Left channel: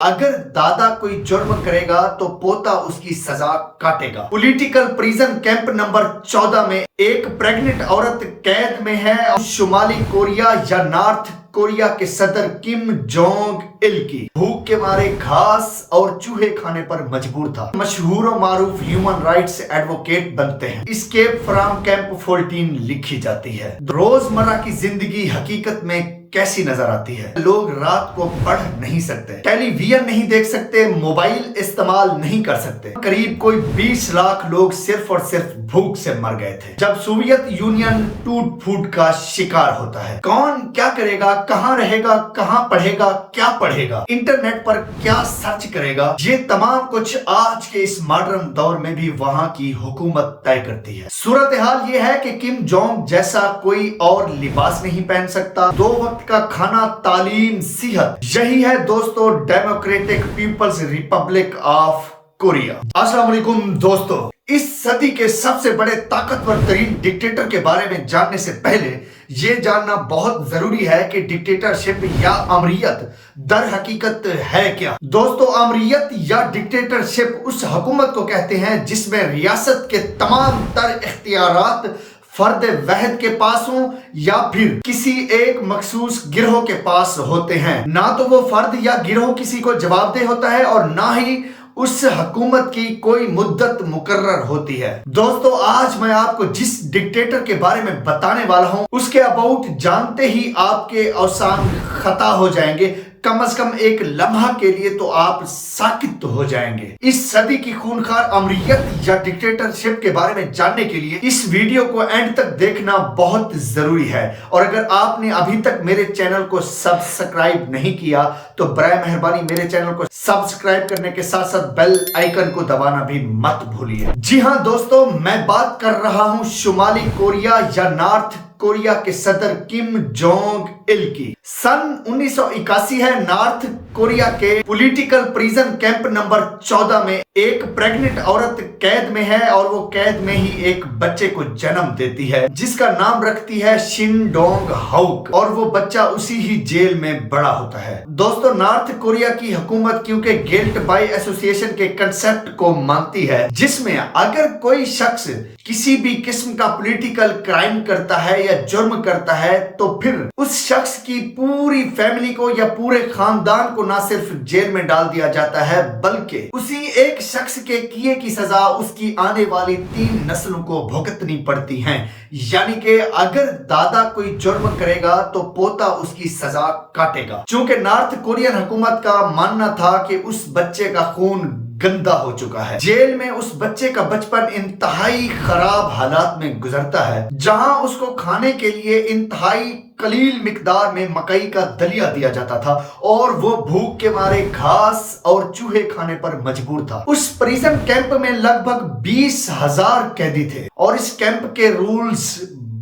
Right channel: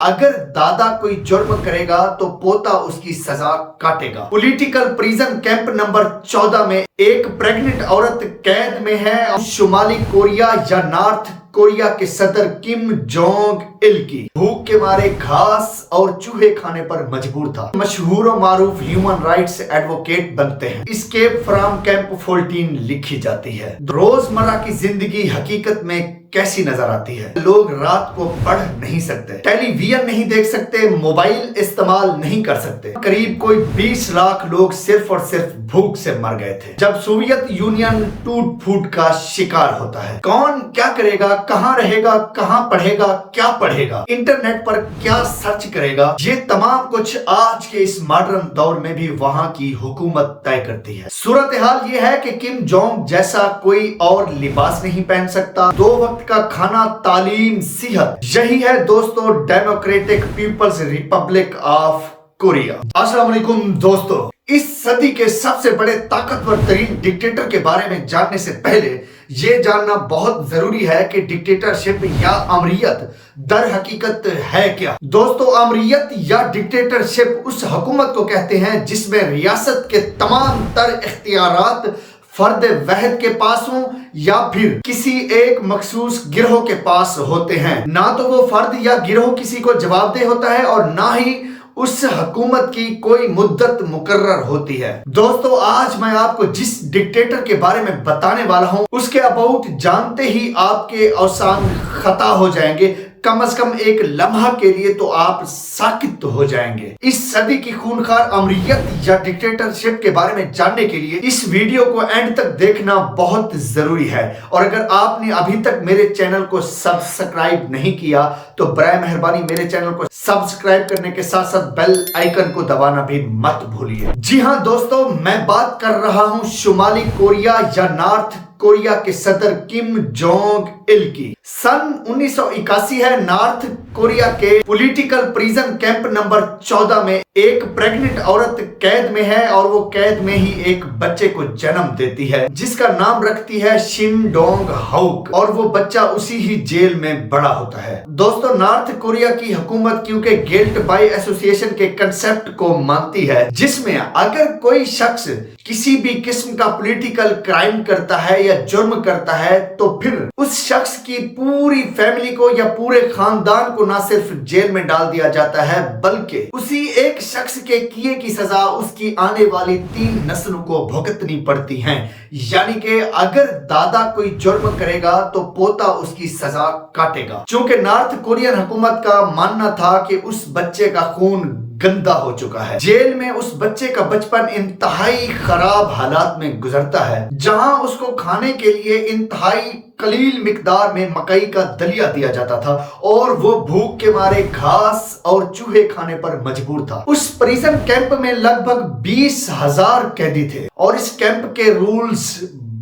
اگر دادا کوئی جرم کرے گا تو پوتا اس کی سزا کاٹے گا۔ پولیٹیکل پریزن کیمپ نمبر 14 میں ایک پریگننٹ عورت قید میں ہے اور شمالی کوریا یا نارتھ کوریا کے صدر کم جونگ اِل کی بھوک کے مارے گھاس اور چوہے کھانے پر مجبور تھا۔ مشہور و معروف ہیومن رائٹس ایڈوکیٹ بنتے ہیں۔ اسکیپ فرام کیمپ 14 لکھی جاتی ہے۔ روزمرہ کی زندگی حقیقت میں کیسی نظر آتی ہے؟ لوگ رات کو پڑھ نہیں سکتے، ٹیلی ویژن نہیں دیکھ سکتے، موبائل استعمال نہیں کر سکتے۔ قریب کوئی 20 لاکھ لوگ صرف اور صرف بھوک سے مر گئے تھے جب سوویت یونین ٹوٹ پھوٹ کا شکار ہوتا ہے۔ کون کیا کرے گا، کہاں رہے گا، کہاں پڑھے گا، کیا پڑھے گا، انٹرنیٹ پر کیا سرچ کرے گا، یہ تمام کچھ آج کے اس ماڈرن دور میں بھی وہاں کی حکومت طے کرتی ہے۔ صورتحال یہ ہے کہ کم جونگ جیسا کوئی اور لباس نہیں پہن سکتا، 2 وقت کا کھانا، تعلیم، صحت، یہی ہے دوستو Democratic People's Republic of Korea. السلام علیکم دوستو، اس صدی کے سب سے بڑے طاقتور ترین ڈکٹیٹر کے بارے میں جاننے سے پہلے یہ جاننا بہت ضروری ہے کہ ڈکٹیٹرشپ یا امریت در حقیقت ہے کیا۔ دوستو، امریت یا ڈکٹیٹرشپ اس حکومت کو کہتے ہیں جس میں ریاست کے تمام تر اختیارات فرد واحد کے پاس ہوں یا پھر کسی ایک مخصوص گروہ کے پاس ہوتے ہیں۔ نہ تو وہ فرد یا گروہ کسی کو جواب دہ ہوتا ہے اور نہ ہی اس حکومت کی کوئی مدت مقرر ہوتی ہے۔ دوستو، آج میں آپ کو جس ڈکٹیٹر کے بارے میں بتانے والا ہوں اس کے اباؤٹ جانتے ہی آپ کے اوسان خطا ہو جائیں گے، کم از کم ایک لمحہ کے لیے تو آپ ساکت ہو جائیں گے۔ اس صدی کی خونخوار امریت یا ڈکٹیٹرشپ کے بارے میں جاننے کے لیے اس ویڈیو کو اینڈ تک دیکھنا بہت ضروری ہے، اور اگر آپ نے ابھی تک میرے چینل کو سبسکرائب نہیں کیا تو برائے مہربانی میرے چینل کو سبسکرائب کرنے کے ساتھ ساتھ بیل آئیکن کو دبانا بھی مت بھولیے۔ جی ہاں دوستو، میں بات کر رہا ہوں شمالی کوریا یا نارتھ کوریا کے صدر کم جونگ اِل کی۔ سن 1981 ہے۔ نارتھ کوریا کے پولیٹیکل پریزن کیمپ نمبر 14 میں ایک پریگننٹ عورت قید میں ہے اور وہ قید میں ہی ایک بچے کو جنم دیتی ہے جس کا نام رکھتی ہے شن ڈونگ ہاؤک، اور وہ بچہ اسی ہی جیل میں بڑا ہوتا ہے۔ دوستو، نارتھ کوریا کی حکومت کیونکہ گلٹ بائی ایسوسیشن کے کنسپٹ کو مانتی ہے جس میں اگر کوئی شخص کسی بھی قسم کا پولیٹیکل کرائم کرتا ہے یا جرم کرتا ہے تو پھر اس شخص کی پوری فیملی کو یا پورے خاندان کو نہ صرف جیل میں ڈال دیا جاتا ہے بلکہ اسی ایک شخص کے کیے کی سزا اس کی آنے والی 3 نسلوں کو بھگتنی پڑتی ہیں۔ یعنی کہ اگر دادا کوئی جرم کرے گا تو پوتا اس کی سزا کاٹے گا۔ چونکہ نارتھ کورین حکومت کا ماننا تھا کہ اس بچے کا خون گندا ہو چکا ہے، جیل میں اس بچے کا بچپن انتہائی خراب حالات میں گزرتا ہے جہاں اس کو کھانے کے لیے انتہائی قلیل مقدار میں مکئی کا دلیا دیا جاتا تھا اور وہ بھوک کے مارے گھاس اور چوہے کھانے پر مجبور تھا۔ اس پریزن کیمپ میں لگ بھگ 20,000 قیدی تھے اور اس کیمپ کے رولز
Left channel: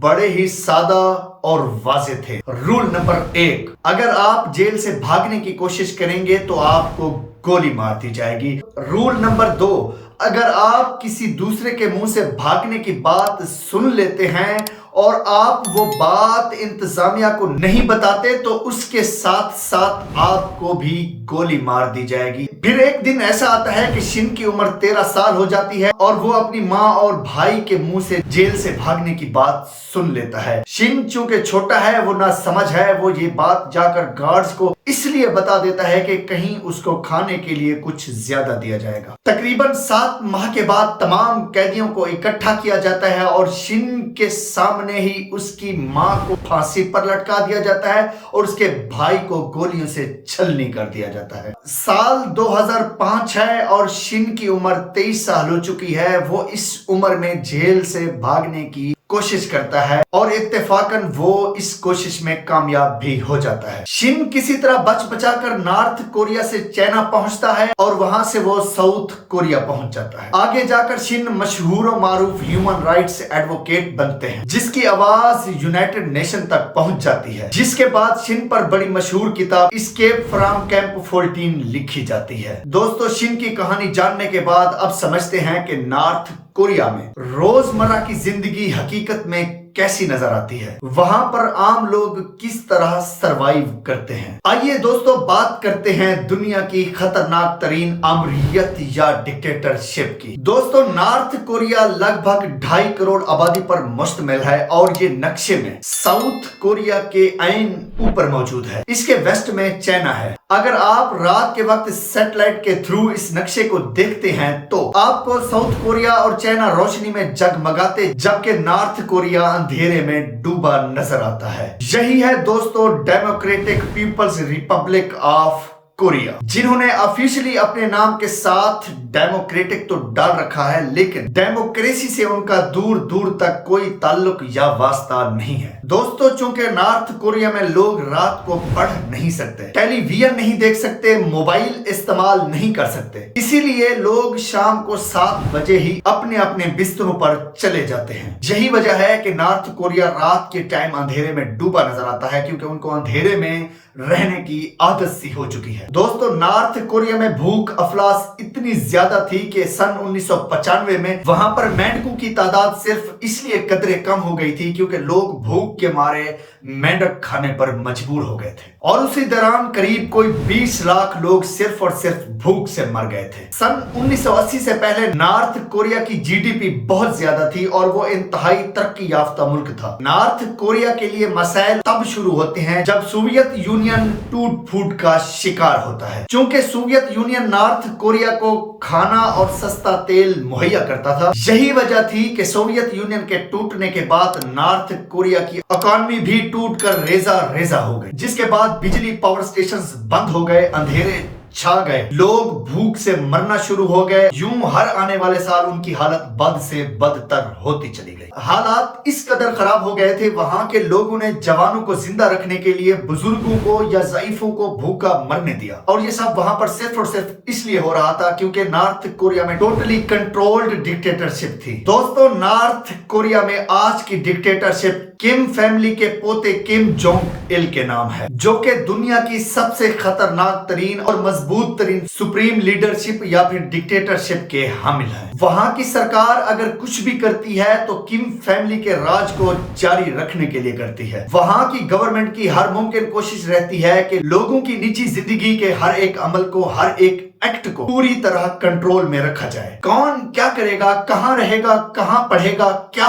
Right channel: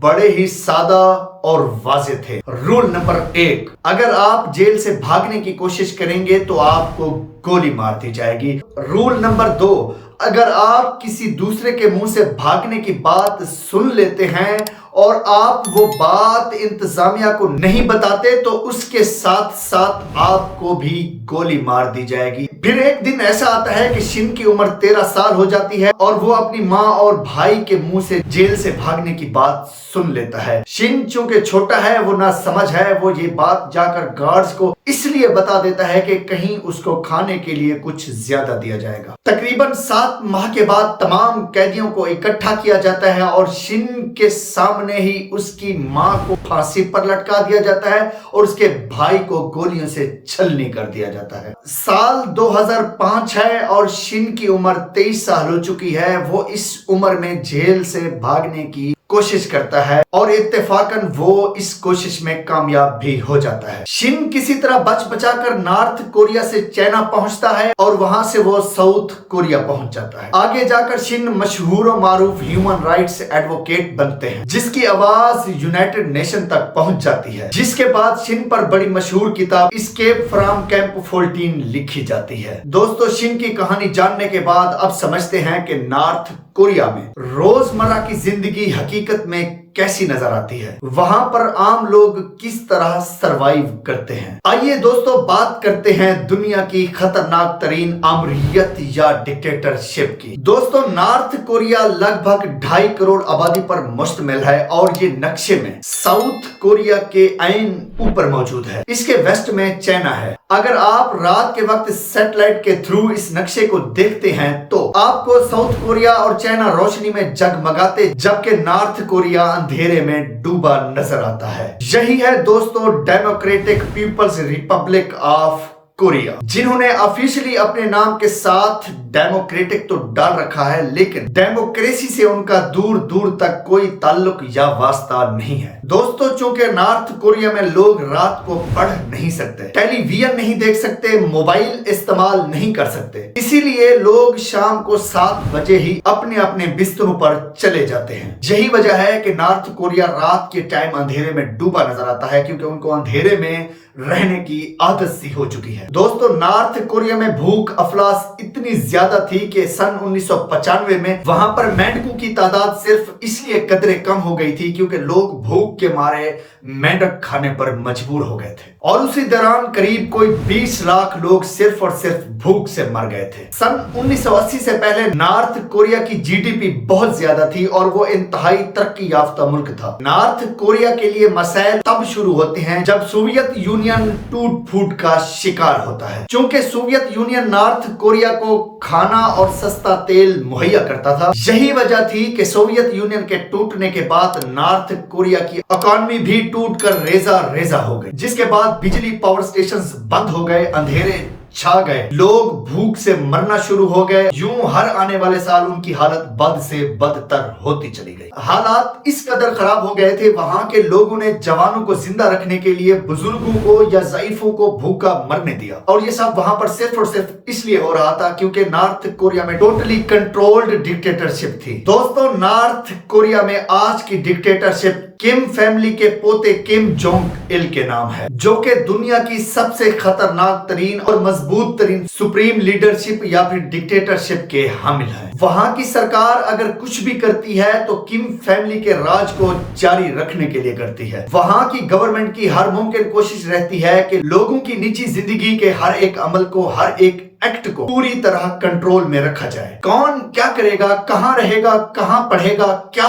بڑے ہی سادہ اور واضح تھے۔ رول نمبر 1، اگر آپ جیل سے بھاگنے کی کوشش کریں گے تو آپ کو گولی مار دی جائے گی۔ رول نمبر 2، اگر آپ کسی دوسرے کے منہ سے بھاگنے کی بات سن لیتے ہیں اور آپ وہ بات انتظامیہ کو نہیں بتاتے تو اس کے ساتھ ساتھ آپ کو بھی گولی مار دی جائے گی۔ پھر ایک دن ایسا آتا ہے کہ شن کی عمر 13 سال ہو جاتی ہے اور وہ اپنی ماں اور بھائی کے منہ سے جیل سے بھاگنے کی بات سن لیتا ہے۔ شن چونکہ چھوٹا ہے، وہ نہ سمجھ ہے، وہ یہ بات جا کر گارڈز کو اس لیے بتا دیتا ہے کہ کہیں اس کو کھانے کے لیے کچھ زیادہ دیا جائے گا۔ تقریباً 7 ماہ کے بعد تمام قیدیوں کو اکٹھا کیا جاتا ہے اور شن کے سامنے ہی اس کی ماں کو پھانسی پر لٹکا دیا جاتا ہے اور اس کے بھائی کو گولیوں سے چھلنی کر دیا جاتا ہے۔ سال 2005 ہے اور شن کی عمر 23 سال ہو چکی ہے۔ وہ اس عمر میں جیل سے بھاگنے کی کوشش کرتا ہے اور اتفاقاً وہ اس کوشش میں کامیاب بھی ہو جاتا ہے۔ شن کسی طرح بچ بچا کر نارتھ کوریا سے چائنا پہنچتا ہے اور وہاں سے وہ ساؤتھ کوریا پہنچ جاتا ہے۔ آگے جا کر شن مشہور و معروف ہیومن رائٹس ایڈوکیٹ بنتے ہیں جس کی آواز یونائٹڈ نیشن تک پہنچ جاتی ہے، جس کے بعد شن پر بڑی مشہور کتاب اسکیپ فرام کیمپ 14 لکھی جاتی ہے۔ دوستو، شن کی کہانی جاننے کے بعد اب سمجھتے ہیں کہ نارتھ کوریا میں روزمرہ کی زندگی حقیقت میں कैसी नजर आती है, वहां पर आम लोग किस तरह सरवाइव करते हैं। आइए दोस्तों बात करते हैं दुनिया की खतरनाक तरीन आमरीयत या डिक्टेटरशिप की। दोस्तों नॉर्थ कोरिया लगभग 2.5 करोड़ आबादी पर मुश्तमिल है और ये नक्शे में साउथ कोरिया के ऐन ऊपर मौजूद है। इसके वेस्ट में चाइना है। अगर आप रात के वक्त सैटेलाइट के थ्रू इस नक्शे को देखते हैं तो आपको साउथ कोरिया और चाइना रोशनी में जगमगाते जबकि नॉर्थ कोरिया अंधेरे में डूबा नजर आता है। यही है दोस्तों Democratic People's Republic of Korea, जिन्होंने ऑफिशियली अपने नाम के साथ डेमोक्रेटिक तो डाल रखा है, लेकिन डेमोक्रेसी से उनका दूर दूर तक कोई ताल्लुक या वास्ता नहीं है। दोस्तों चूंकि नॉर्थ कोरिया में लोग रात को पढ़ नहीं सकते, टेलीविजन नहीं देख सकते, मोबाइल इस्तेमाल नहीं कर सकते, इसीलिए लोग शाम को 7 बजे ही अपने अपने बिस्तरों पर चले जाते हैं। यही वजह है कि नॉर्थ कोरिया रात के टाइम अंधेरे में डूबा नजर आता है, क्योंकि उनको अंधेरे में रहने की आदत सी हो चुकी है। दोस्तों नॉर्थ कोरिया में भूख अफलास इतनी ज्यादा थी कि सन 1995 में वहां पर मेंढकों की तादाद सिर्फ इसलिए कदरे कम हो गई थी क्योंकि लोग भूख के मारे मेंढक खाने पर मजबूर हो गए थे, और उसी दौरान करीब कोई 20 लाख लोग सिर्फ और सिर्फ भूख से मर गए थे। सन 1980 से पहले नॉर्थ कोरिया की जीडीपी बहुत ज्यादा थी और वो इंतहाई तरक्की याफ्ता मुल्क था। नॉर्थ कोरिया के लिए मसाइल तब शुरू होते हैं जब सोवियत यूनियन टूट फूट का शिकार होता है। चूंकि सोवियत यूनियन नॉर्थ कोरिया को खाना और सस्ता तेल मुहैया करता था, यही वजह थी कि सोवियत यूनियन के टूटने के बाद नॉर्थ कोरिया की इकोनॉमी भी टूट कर रेजा रेजा हो गई, जिसके बाद बिजली पावर स्टेशंस बंद हो गए, अंधेरे छा गए, लोग भूख से मरना शुरू हो गए। यूं हर आने वाले साल उनकी हालत बद से बदतर होती चली गई। हालात इस कदर खराब हो गए थे, वहां के लोगों ने जवानों को जिंदा रखने के लिए बुजुर्गों को या ज़ईफों को भूखा मरने दिया, और ये सब वहां पर सिर्फ और सिर्फ इसलिए हो रहा था क्योंकि नॉर्थ कोरिया में टोटली कंट्रोल्ड डिक्टेटरशिप थी। दोस्तों नॉर्थ कोरिया में आज की डिक्टेटरशिप किम फैमिली के पोते किम जोंग इल के नाम है, जो कि दुनिया की सबसे खतरनाक तरीन और मजबूत तरीन सुप्रीम लीडरशिप या फिर डिक्टेटरशिप के हामिल है। वहां की सरकार अगर कुछ भी करती है तो किम फैमिली के राज को जारी रखने के लिए करती है। वहां की गवर्नमेंट की हर मुमकिन कोशिश रहती है कि लोगों की निजी जिंदगी के हर एक अमल को, हर एक एक्ट को पूरी तरह कंट्रोल में रखा जाए। कौन क्या करेगा, कहां रहेगा, कहां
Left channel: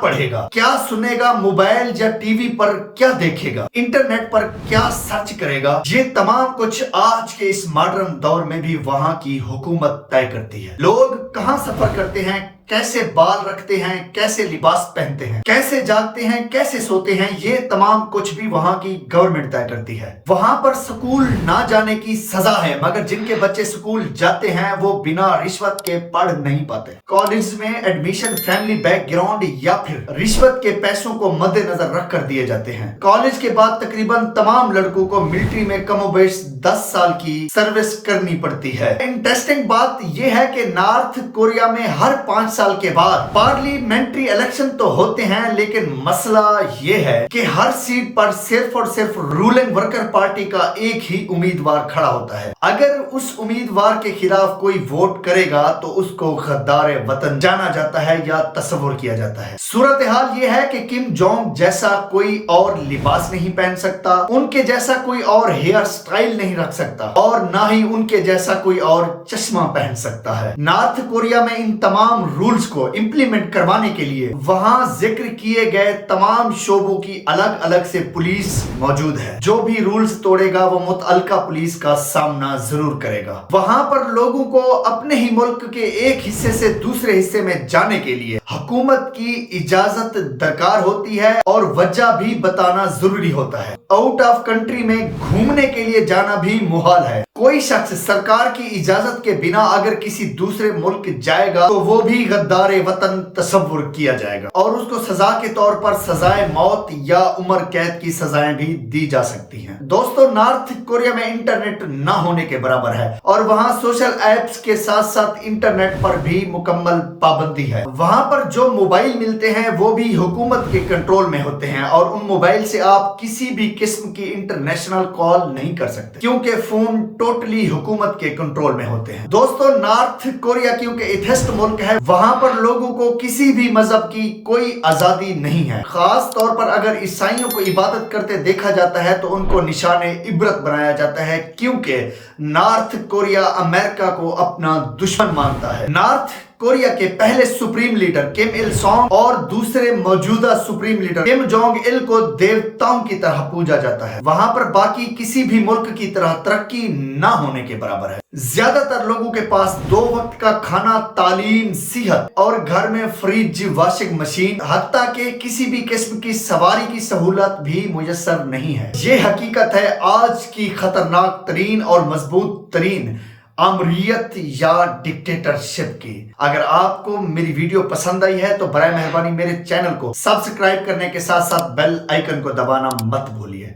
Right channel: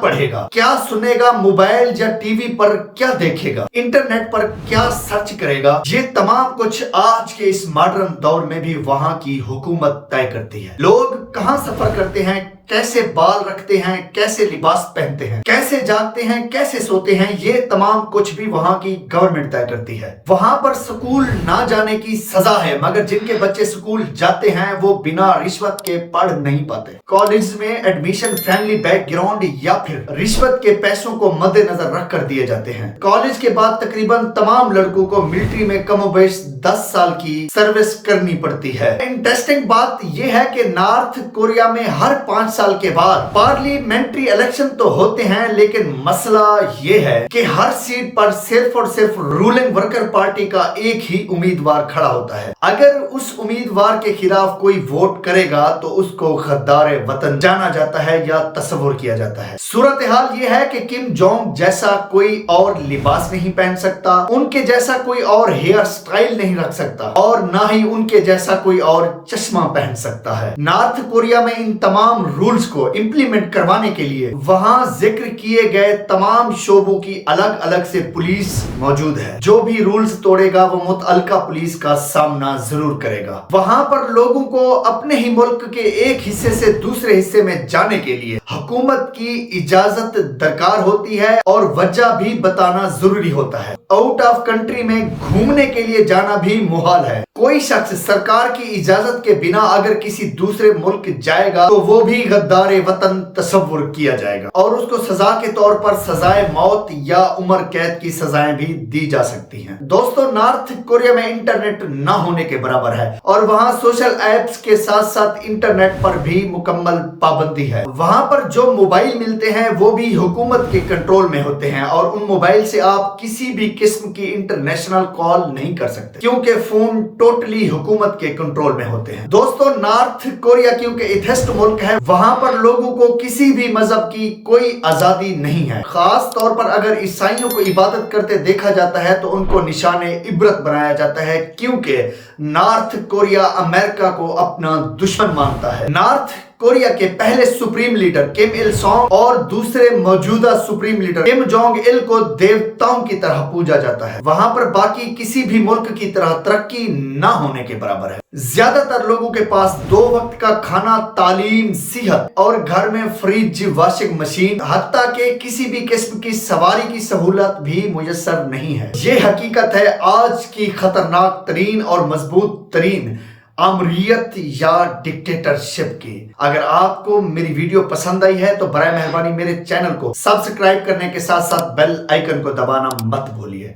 पढ़ेगा, क्या सुनेगा, मोबाइल या टीवी पर क्या देखेगा, इंटरनेट पर क्या सर्च करेगा, ये तमाम कुछ आज के इस मॉडर्न दौर में भी वहां की हुकूमत तय करती है। लोग कहां सफर करते हैं, कैसे बाल रखते हैं, कैसे लिबास पहनते हैं, कैसे जागते हैं, कैसे सोते हैं, ये तमाम कुछ भी वहां की गवर्नमेंट तय करती है। वहां पर स्कूल ना जाने की सजा है, मगर जिनके बच्चे स्कूल जाते हैं वो बिना रिश्वत के पढ़ नहीं पाते। कॉलेज में एडमिशन फैमिली बैकग्राउंड या फिर रिश्वत के पैसों को मद्देनजर रख कर दिए जाते हैं। कॉलेज के बाद तकरीबन तमाम लड़कों को मिलिट्री में कमोबेश 10 साल की सर्विस करनी पड़ती है। इंटरेस्टिंग बात यह है कि नॉर्थ कोरिया में हर 5 साल के बाद पार्लियामेंट्री इलेक्शन तो होते हैं, लेकिन मसला ये है कि हर सीट पर सिर्फ और सिर्फ रूलिंग वर्कर पार्टी का एक ही उम्मीदवार खड़ा होता है। अगर उस उम्मीदवार के खिलाफ कोई वोट करेगा तो उसको गद्दार वतन जाना जाता है या तस्वुर किया जाता है। सूरत हाल ये है कि किम जोंग जैसा कोई और लिबास नहीं पहन सकता, उनके जैसा कोई और हेयर स्टाइल नहीं रख सकता, और ना ही उनके जैसा कोई और चश्मा पहन सकता है। नॉर्थ कोरिया में इन तमाम रूल्स को इंप्लीमेंट करवाने के लिए वहां जिक्र किए गए तमाम शोबों की अलग अलग से पुलिस मौजूद है। जो भी रूल्स तोड़ेगा वो मुतअल्लिका पुलिस का सामना जरूर करेगा। वहां पर लोगों को अपने ही मुल्क के एक हिस्से से दूसरे हिस्से में जाने के लिए हुकूमत की इजाजत दरकार होती है और वजह भी बताना जरूरी होता है। आउट ऑफ कंट्री में घूमने के लिए जाना भी मुहाल है। कोई शख्स सरकार की इजाजत के बिना अगर किसी दूसरे मुल्क जाएगा तो वो भी गद्दारे वतन तस्वुर किया जाएगा और उसको सजा के तौर पर सजाए मौत या उम्र कैद की सजाएं भी दी जा सकती हैं। दोस्तों नॉर्थ कोरिया में इंटरनेट ना होने के बराबर है और वहां सोशल एप्स के साथ साथ इंटरनेट पर भी मुकम्मल पाबंदी है। वहां पर जो मोबाइल मिलते हैं वो भी हुकूमत के कंट्रोल में होते हैं और उन मोबाइल से आप किसी भी किस्म की इंटरनेशनल कॉल नहीं कर सकते क्योंकि फोन टोटली हुकूमत के कंट्रोल में होते हैं। दोस्तों नॉर्थ कोरिया क्योंकि एथिस्ट मुल्क है, वहां वहां पर लोगों को किसी भी मजहब की कोई आजादी नहीं है। खास तौर पर अगर ईसाइयों को इबादत करते देखा जाता है तो उनको निशाने इबरत बनाया जाता है, क्योंकि नॉर्थ कोरिया अमेरिका को अपना दुश्मन मानता है। नॉर्थ कोरिया के पहले सुप्रीम लीडर किम इल सोंग और दूसरे मौजूदा supreme leader Kim Jong Il को देवताओं की तरह पूजा जाता है। वहां पर बाकी किसी भी मुल्क की तरह तरक्की ना होने के बराबर है। ज्यादातर लोगों के पास 2 वक्त का खाना, तालीम, सेहत और घर में फ्रिज, वॉशिंग मशीन, हत्ता के किसी भी किस्म की सवारी की सहूलत भी मुयस्सर नहीं है। ये हकीकत है आज की खतरनाक तरीन और मजबूत तरीन आमरीयत या डिक्टेटरशिप की। अगर आपको मेरी वीडियो पसंद आई है तो बराए मेहरबानी मेरे चैनल को सब्सक्राइब करने के साथ साथ बेल आइकन को दबाना मत भूलिए।